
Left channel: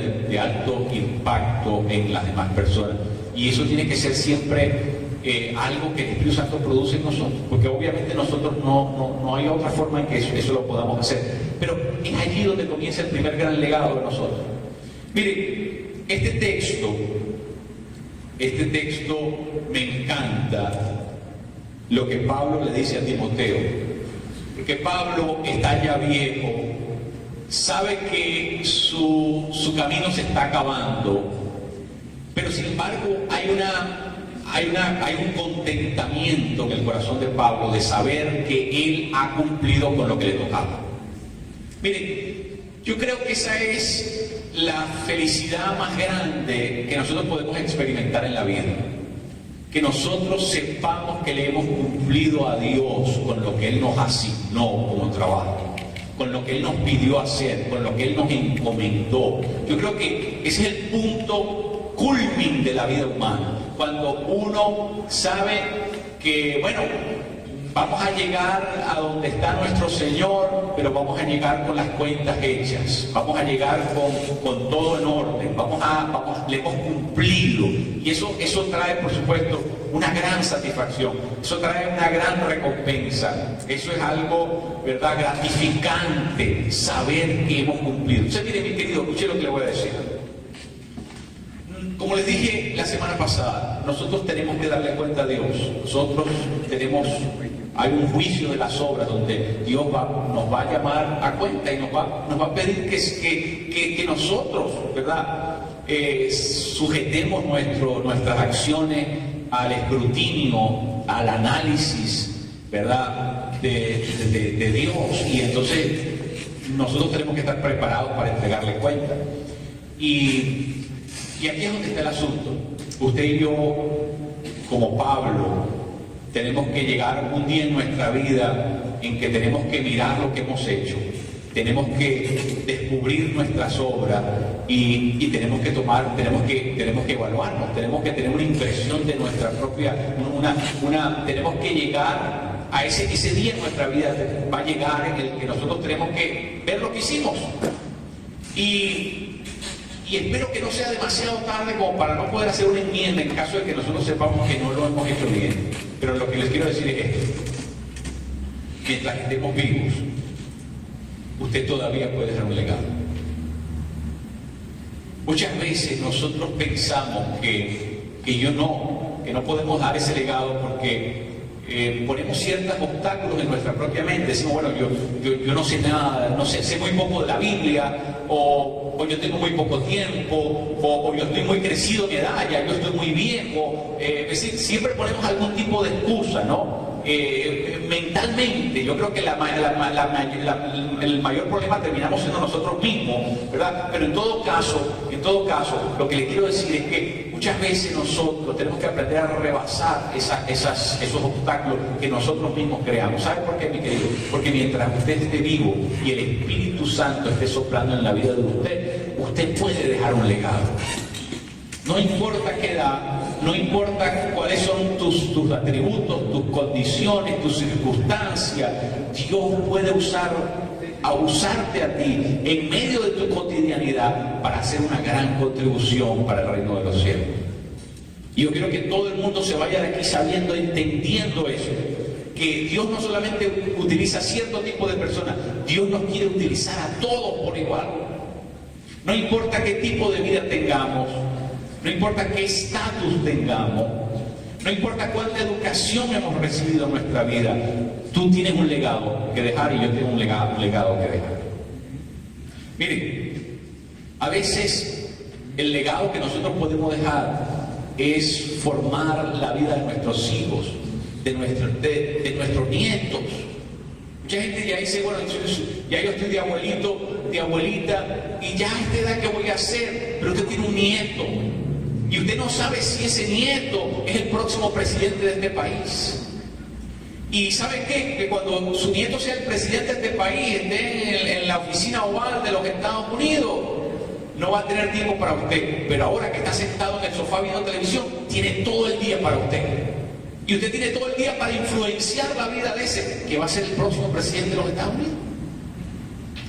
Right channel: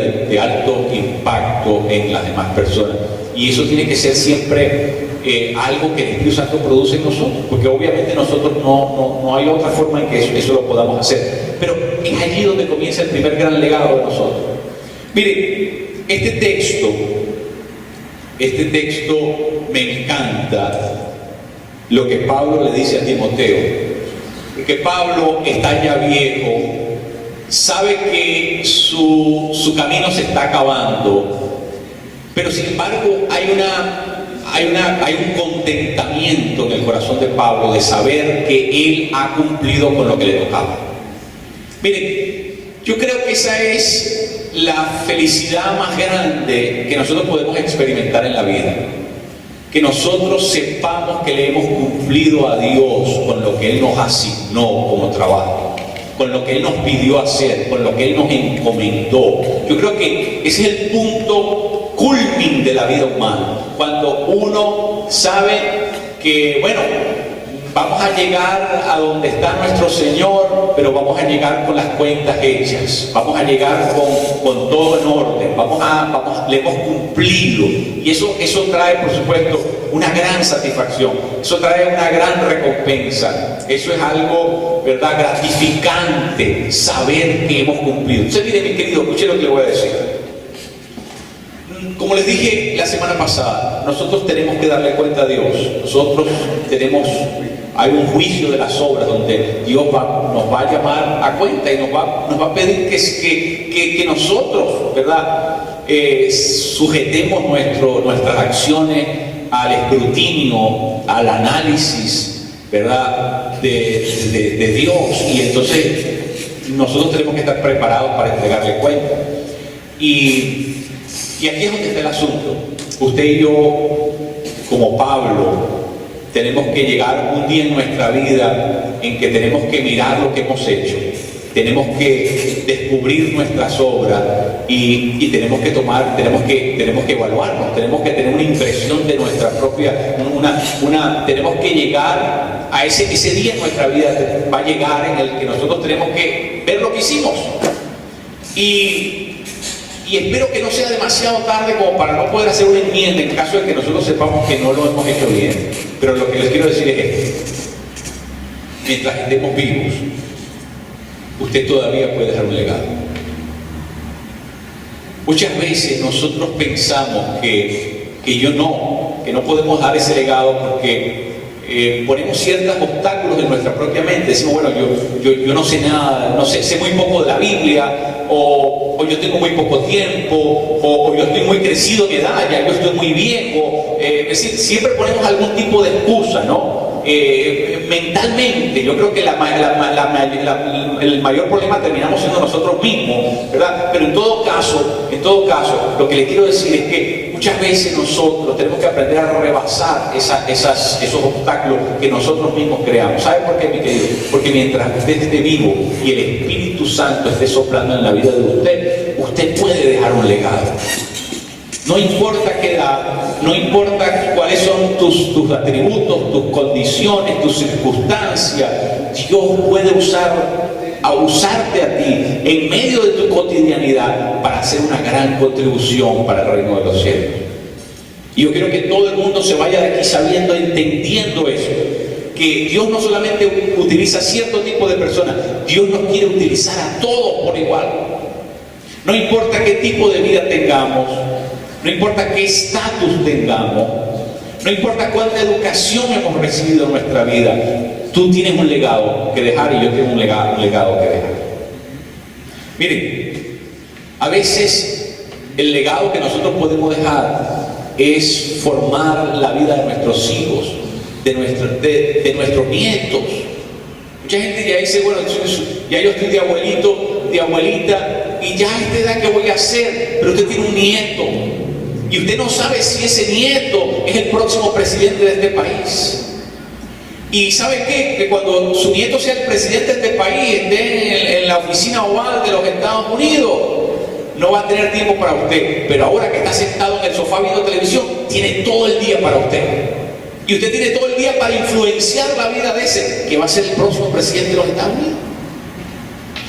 de alto impacto en las demás personas. Y eso tiene que ser siempre algo que el Espíritu Santo produce en nosotros, porque obviamente nosotros no hay otra forma en que eso lo podamos hacer. Pero es allí donde comienza el primer gran legado de nosotros. Miren, este texto me encanta lo que Pablo le dice a Timoteo, porque Pablo está ya viejo, sabe que su camino se está acabando, pero sin embargo hay un contentamiento en el corazón de Pablo de saber que él ha cumplido con lo que le tocaba. Miren, yo creo que esa es la felicidad más grande que nosotros podemos experimentar en la vida. Que nosotros sepamos que le hemos cumplido a Dios con lo que Él nos asignó como trabajo, con lo que Él nos pidió hacer, con lo que Él nos encomendó. Yo creo que ese es el punto culmin de la vida humana. Cuando uno sabe que, bueno, vamos a llegar a donde está nuestro Señor, pero vamos a llegar con las cuentas hechas, vamos a llegar con todo en orden, le hemos cumplido. Y eso trae, por supuesto, una gran satisfacción, eso trae una gran recompensa, eso es algo, ¿verdad?, gratificante, saber que hemos cumplido. Entonces, mire, mi querido, escuche lo que le voy a decir. Como les dije la semana pasada, nosotros tenemos que darle cuenta a Dios. Hay un juicio de las obras donde Dios nos va a llamar a cuenta y nos va a pedir que nosotros, ¿verdad?, sujetemos nuestras acciones al escrutinio, al análisis, ¿verdad?, de Dios. Y entonces nosotros tenemos que estar preparados para entregarle cuenta. Y aquí es donde está el asunto. Usted y yo, como Pablo, tenemos que llegar un día en nuestra vida en que tenemos que mirar lo que hemos hecho, tenemos que descubrir nuestras obras y tenemos que evaluarnos, tenemos que tener una impresión de nuestra propia, tenemos que llegar a ese día en nuestra vida, va a llegar en el que nosotros tenemos que ver lo que hicimos. Y espero que no sea demasiado tarde como para no poder hacer una enmienda en caso de que nosotros sepamos que no lo hemos hecho bien. Pero lo que les quiero decir es esto: mientras estemos vivos, usted todavía puede dejar un legado. Muchas veces nosotros pensamos que no podemos dar ese legado porque ponemos ciertos obstáculos en nuestra propia mente. Decimos, bueno, yo no sé nada, sé muy poco de la Biblia, o yo tengo muy poco tiempo, o yo estoy muy crecido en edad, ya yo estoy muy viejo. Es decir, siempre ponemos algún tipo de excusa, ¿no? Mentalmente, yo creo que el mayor problema terminamos siendo nosotros mismos, ¿verdad? Pero en todo caso, lo que le quiero decir es que muchas veces nosotros tenemos que aprender a rebasar esos obstáculos que nosotros mismos creamos. ¿Sabe por qué, mi querido? Porque mientras usted esté vivo y el Espíritu Santo esté soplando en la vida de usted puede dejar un legado. No importa qué edad, no importa cuáles son tus atributos, tus condiciones, tus circunstancias, Dios puede usarte a ti en medio de tu cotidianidad para hacer una gran contribución para el reino de los cielos. Y yo quiero que todo el mundo se vaya de aquí sabiendo, entendiendo eso, que Dios no solamente utiliza cierto tipo de personas, Dios nos quiere utilizar a todos por igual. No importa qué tipo de vida tengamos, no importa qué estatus tengamos, no importa cuánta educación hemos recibido en nuestra vida, tú tienes un legado que dejar y yo tengo un legado que dejar. Miren, a veces el legado que nosotros podemos dejar es formar la vida de nuestros hijos, de nuestros nietos. Mucha gente ya dice, bueno, ya yo estoy de abuelito, de abuelita, y ya a esta edad, ¿qué voy a hacer? Pero usted tiene un nieto. Y usted no sabe si ese nieto es el próximo presidente de este país. Y ¿sabe qué? Que cuando su nieto sea el presidente de este país, esté en la oficina oval de los Estados Unidos, no va a tener tiempo para usted. Pero ahora que está sentado en el sofá viendo televisión, tiene todo el día para usted. Y usted tiene todo el día para influenciar la vida de ese que va a ser el próximo presidente de los Estados Unidos.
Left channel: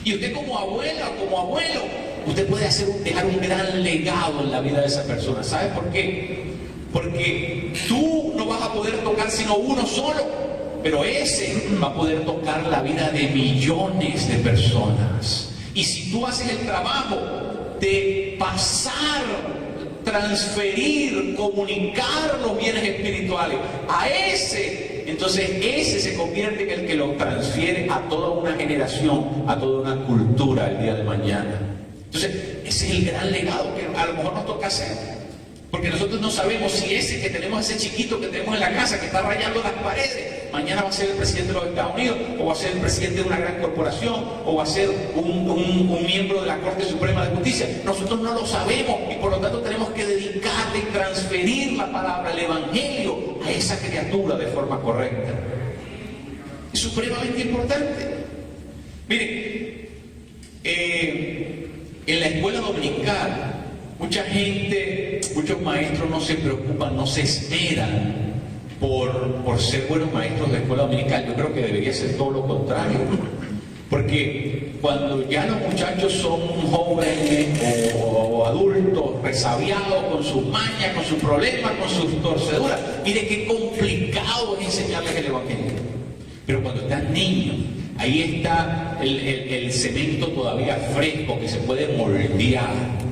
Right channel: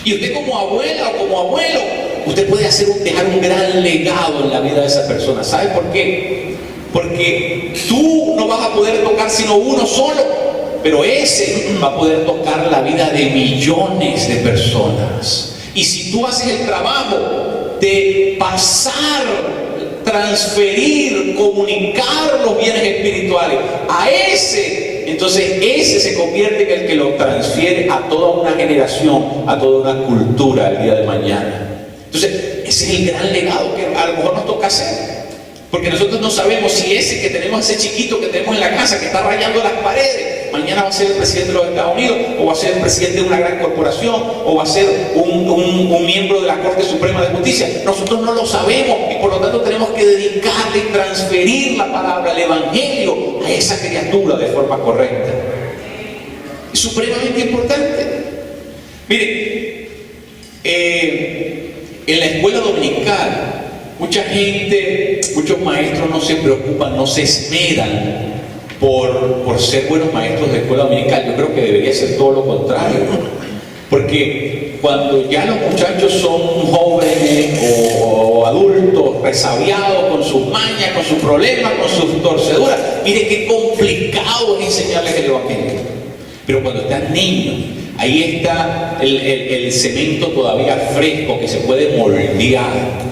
Y usted como abuela o como abuelo, usted puede dejar un gran legado en la vida de esa persona. ¿Sabe por qué? Porque tú no vas a poder tocar sino uno solo, pero ese va a poder tocar la vida de millones de personas. Y si tú haces el trabajo de pasar, transferir, comunicar los bienes espirituales a ese, entonces ese se convierte en el que lo transfiere a toda una generación, a toda una cultura el día de mañana. Entonces, ese es el gran legado que a lo mejor nos toca hacer. Porque nosotros no sabemos si ese que tenemos, ese chiquito que tenemos en la casa, que está rayando las paredes, mañana va a ser el presidente de los Estados Unidos, o va a ser el presidente de una gran corporación, o va a ser un miembro de la Corte Suprema de Justicia. Nosotros no lo sabemos y por lo tanto tenemos que dedicarle y transferir la palabra, el Evangelio, a esa criatura de forma correcta. Es supremamente importante. Miren, en la escuela dominical, mucha gente, muchos maestros no se preocupan, no se esmeran por ser buenos maestros de escuela dominical. Yo creo que debería ser todo lo contrario. Porque cuando ya los muchachos son jóvenes o adultos, resabiados con sus mañas, con sus problemas, con sus torceduras, mire qué complicado es enseñarles el Evangelio. Pero cuando están niños, ahí está el cemento todavía fresco que se puede moldear.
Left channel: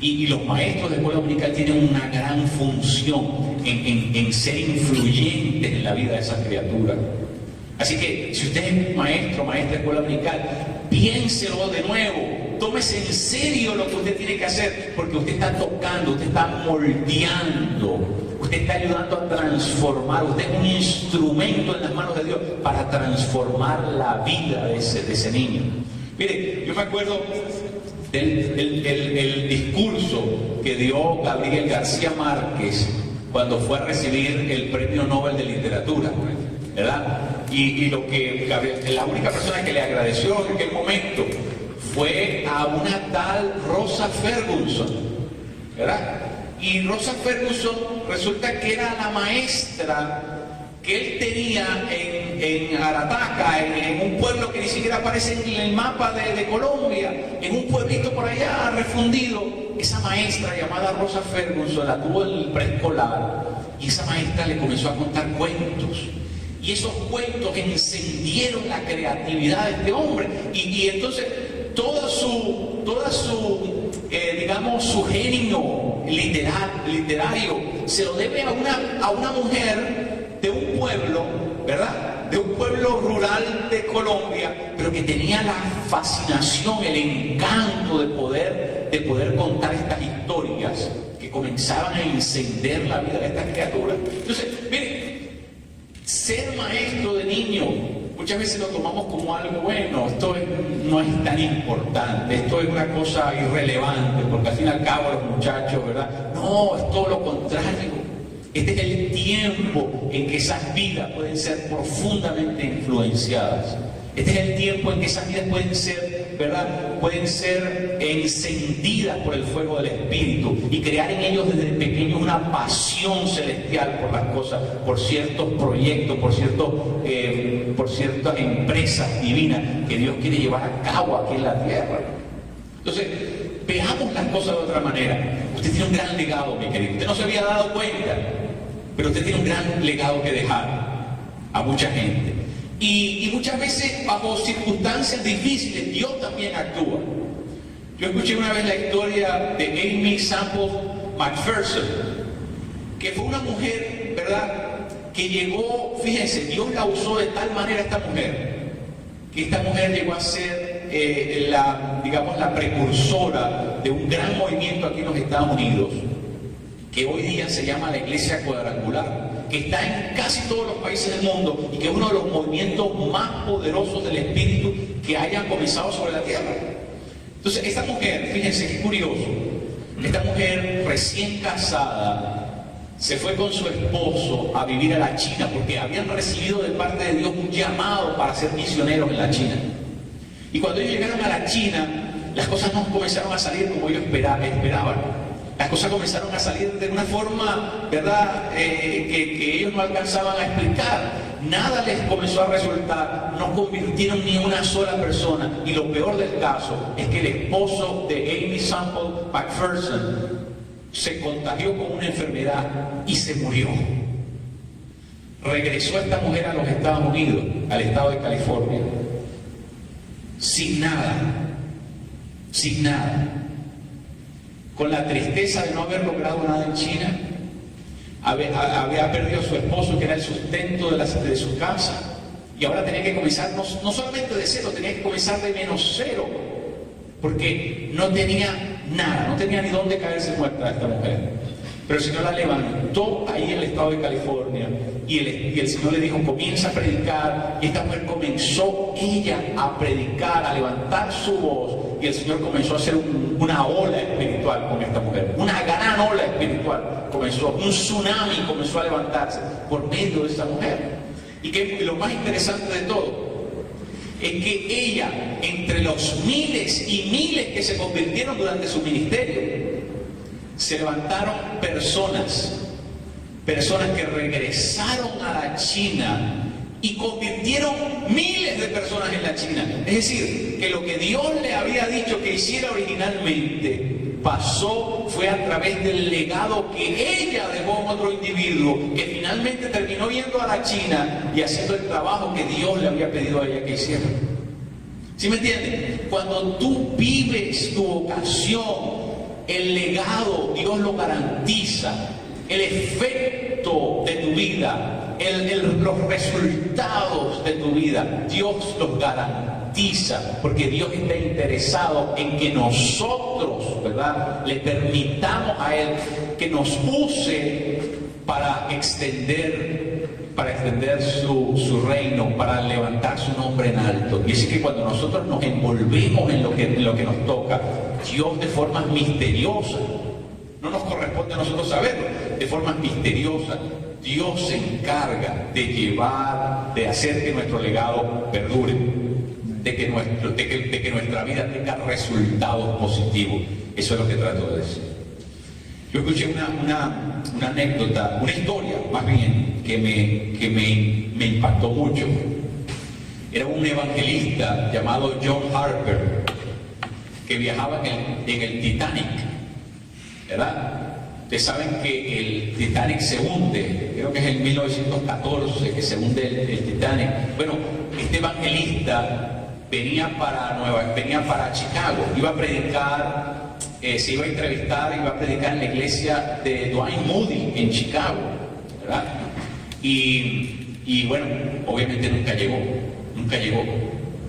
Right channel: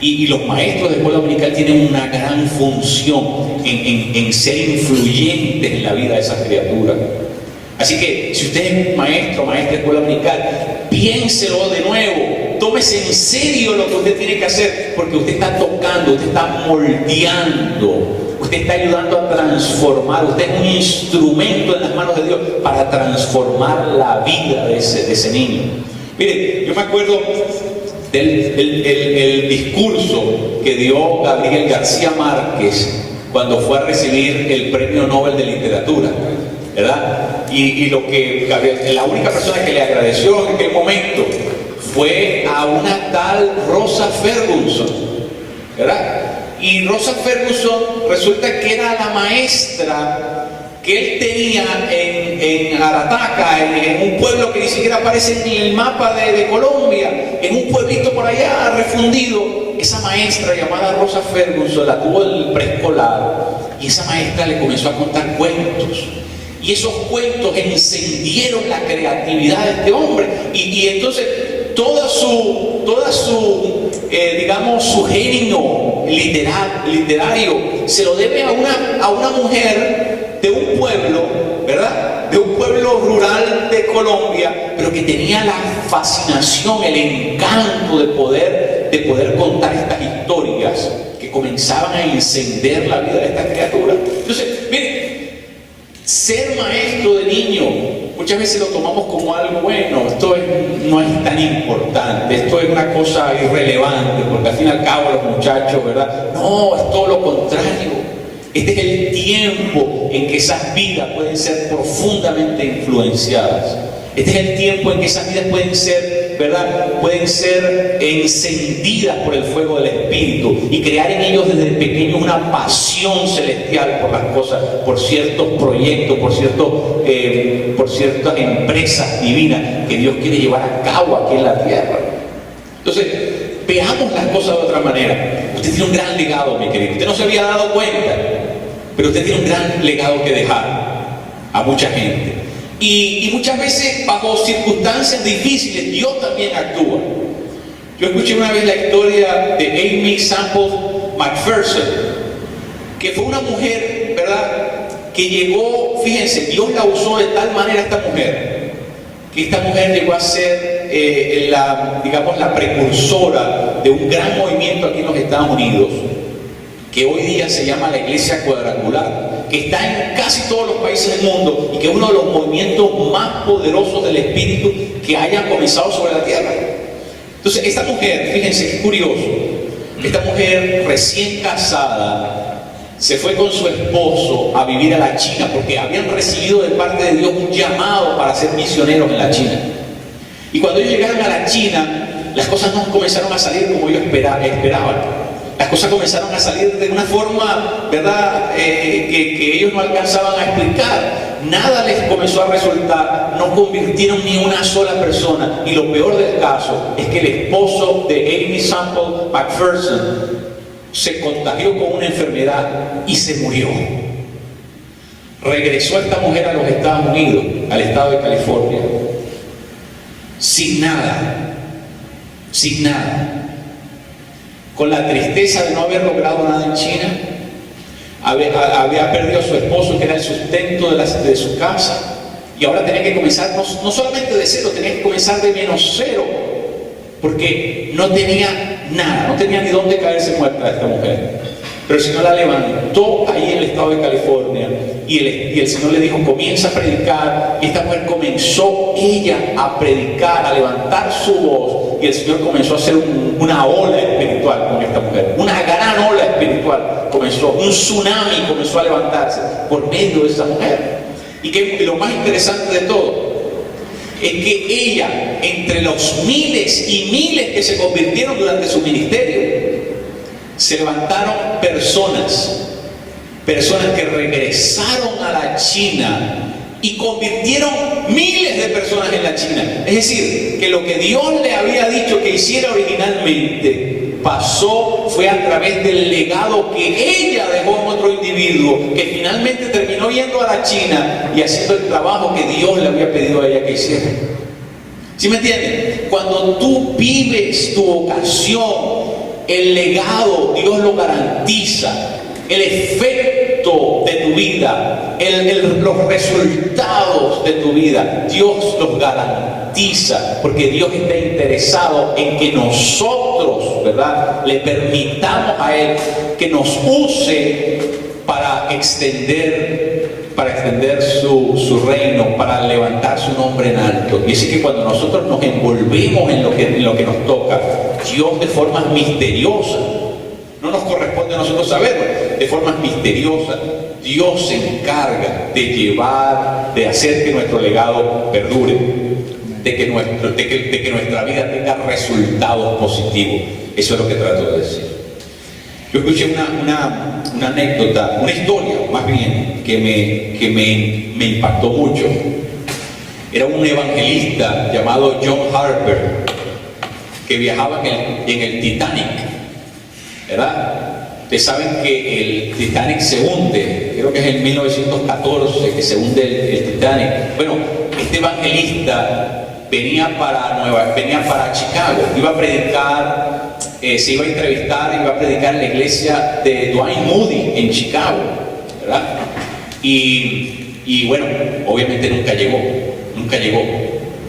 Y los maestros de escuela dominical tienen una gran función en ser influyentes en la vida de esas criaturas. Así que si usted es maestro, maestra de escuela dominical, piénselo de nuevo, tómese en serio lo que usted tiene que hacer, porque usted está tocando, usted está moldeando, usted está ayudando a transformar, usted es un instrumento en las manos de Dios para transformar la vida de ese niño. Mire, yo me acuerdo del discurso que dio Gabriel García Márquez cuando fue a recibir el Premio Nobel de Literatura, ¿verdad? Y la única persona que le agradeció en aquel momento fue a una tal Rosa Ferguson, ¿verdad? Y Rosa Ferguson resulta que era la maestra que él tenía en Arataca, en un pueblo que ni siquiera aparece en el mapa de Colombia, en un pueblito por allá refundido. Esa maestra llamada Rosa Ferguson la tuvo en el preescolar, y esa maestra le comenzó a contar cuentos. Y esos cuentos encendieron la creatividad de este hombre. Y entonces toda su digamos, su genio literario se lo debe a una mujer de un pueblo, ¿verdad? De un pueblo rural de Colombia, pero que tenía la fascinación, el encanto de poder contar estas historias que comenzaban a encender la vida de esta criatura. Entonces, miren, ser maestro de niño muchas veces lo tomamos como algo bueno. Esto no es tan importante, esto es una cosa irrelevante, porque al fin y al cabo los muchachos, ¿verdad? No, es todo lo contrario. Este es el tiempo en que esas vidas pueden ser profundamente influenciadas. Este es el tiempo en que esas vidas pueden ser, ¿verdad? Pueden ser encendidas por el fuego del Espíritu y crear en ellos desde pequeños una pasión celestial por las cosas, por ciertos proyectos, por ciertas empresas divinas que Dios quiere llevar a cabo aquí en la tierra. Entonces, veamos las cosas de otra manera. Usted tiene un gran legado, mi querido. Usted no se había dado cuenta, pero usted tiene un gran legado que dejar a mucha gente. Y muchas veces bajo circunstancias difíciles Dios también actúa. Yo escuché una vez la historia de Amy Sample McPherson, que fue una mujer, ¿verdad?, que llegó, fíjense, Dios la usó de tal manera esta mujer, que esta mujer llegó a ser la precursora de un gran movimiento aquí en los Estados Unidos, que hoy día se llama la Iglesia Cuadrangular, que está en casi todos los países del mundo y que es uno de los movimientos más poderosos del Espíritu que hayan comenzado sobre la tierra. Entonces, esta mujer, fíjense qué curioso, esta mujer recién casada se fue con su esposo a vivir a la China, porque habían recibido de parte de Dios un llamado para ser misioneros en la China. Y cuando ellos llegaron a la China, las cosas no comenzaron a salir como ellos esperaban. Las cosas comenzaron a salir de una forma, ¿verdad?, que ellos no alcanzaban a explicar. Nada les comenzó a resultar, no convirtieron ni una sola persona. Y lo peor del caso es que el esposo de Amy Sample McPherson se contagió con una enfermedad y se murió. Regresó esta mujer a los Estados Unidos, al estado de California, sin nada, con la tristeza de no haber logrado nada en China. Había perdido a su esposo, que era el sustento de su casa, y ahora tenía que comenzar no solamente de cero, tenía que comenzar de menos cero, porque no tenía nada, no tenía ni dónde caerse muerta esta mujer. Pero el Señor la levantó ahí en el estado de California, y el Señor le dijo: comienza a predicar. Y esta mujer comenzó ella a predicar, a levantar su voz, y el Señor comenzó a hacer una ola espiritual con esta mujer, una gran ola espiritual comenzó, un tsunami comenzó a levantarse por medio de esa mujer. Y que lo más interesante de todo es que ella, entre los miles y miles que se convirtieron durante su ministerio, se levantaron personas que regresaron a la China y convirtieron miles de personas en la China. Es decir, que lo que Dios le había dicho que hiciera originalmente fue a través del legado que ella dejó en otro individuo, que finalmente terminó yendo a la China y haciendo el trabajo que Dios le había pedido a ella que hiciera. ¿Sí me entienden? Cuando tú vives tu vocación, el legado Dios lo garantiza. El efecto efecto de tu vida, los resultados de tu vida, Dios los garantiza, porque Dios está interesado en que nosotros, ¿verdad?, le permitamos a Él que nos use para extender su reino, para levantar su nombre en alto. Y así que cuando nosotros nos envolvemos en lo que nos toca, Dios de formas misteriosas, no nos corresponde a nosotros saberlo, de formas misteriosas, Dios se encarga de hacer que nuestro legado perdure, de que nuestra vida tenga resultados positivos. Eso es lo que trato de decir. Yo escuché una anécdota, una historia más bien, que me impactó mucho. Era un evangelista llamado John Harper, que viajaba en el Titanic, ¿verdad? Ustedes saben que el Titanic se hunde, creo que es en 1914 que se hunde el Titanic. Bueno, este evangelista venía para Chicago, iba a predicar, se iba a entrevistar, iba a predicar en la iglesia de Dwight Moody en Chicago, ¿verdad? Y bueno, obviamente nunca llegó,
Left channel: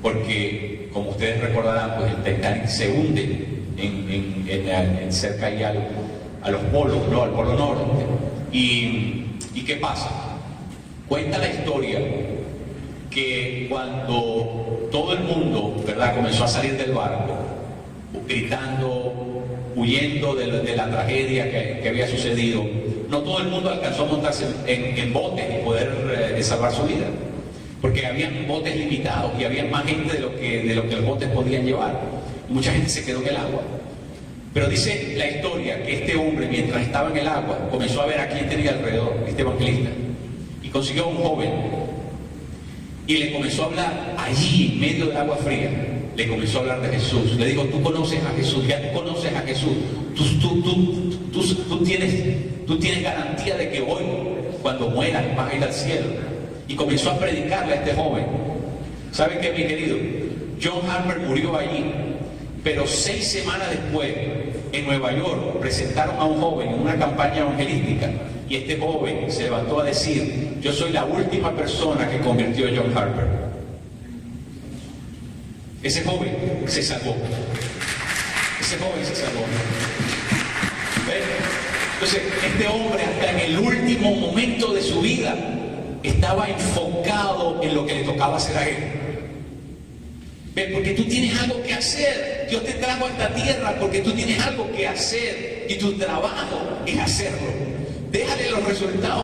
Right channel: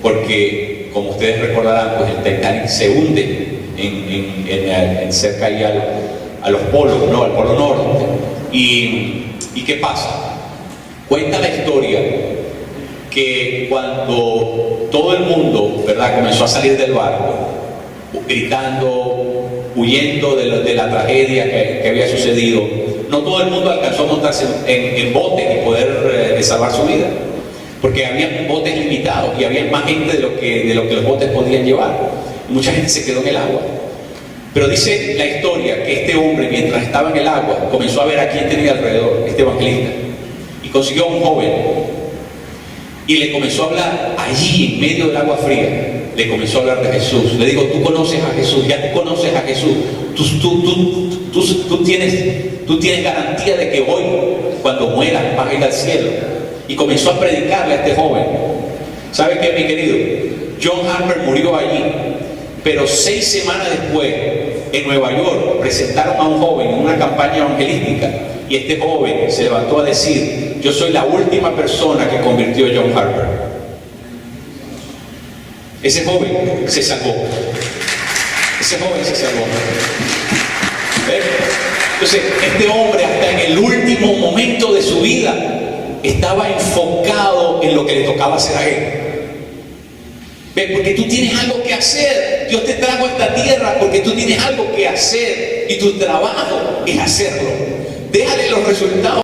porque como ustedes recordarán, pues el Titanic se hunde cerca ahí a los polos, ¿no?, al polo norte. ¿Y qué pasa? Cuenta la historia que cuando todo el mundo, ¿verdad?, comenzó a salir del barco, gritando, huyendo de la tragedia que había sucedido, no todo el mundo alcanzó a montarse en botes y poder salvar su vida, porque había botes limitados y había más gente de lo que los botes podían llevar. Mucha gente se quedó en el agua. Pero dice la historia que este hombre, mientras estaba en el agua, comenzó a ver a quién tenía alrededor, este evangelista, y consiguió a un joven y le comenzó a hablar allí en medio del agua fría. Le comenzó a hablar de Jesús. Le digo, tú conoces a Jesús, ya tú conoces a Jesús, tú tienes garantía de que hoy, cuando mueras, vas a ir al cielo. Y comenzó a predicarle a este joven. ¿Sabe qué, mi querido? John Harper murió allí, pero 6 semanas después, en Nueva York, presentaron a un joven en una campaña evangelística, y este joven se levantó a decir: yo soy la última persona que convirtió a John Harper. Ese joven se salvó. ¿Ven? Entonces, este hombre, hasta en el último momento de su vida, estaba enfocado en lo que le tocaba hacer a él. ¿Ven? Porque tú tienes algo que hacer. Dios te trajo a esta tierra porque tú tienes algo que hacer, y tu trabajo es hacerlo. Déjale los resultados.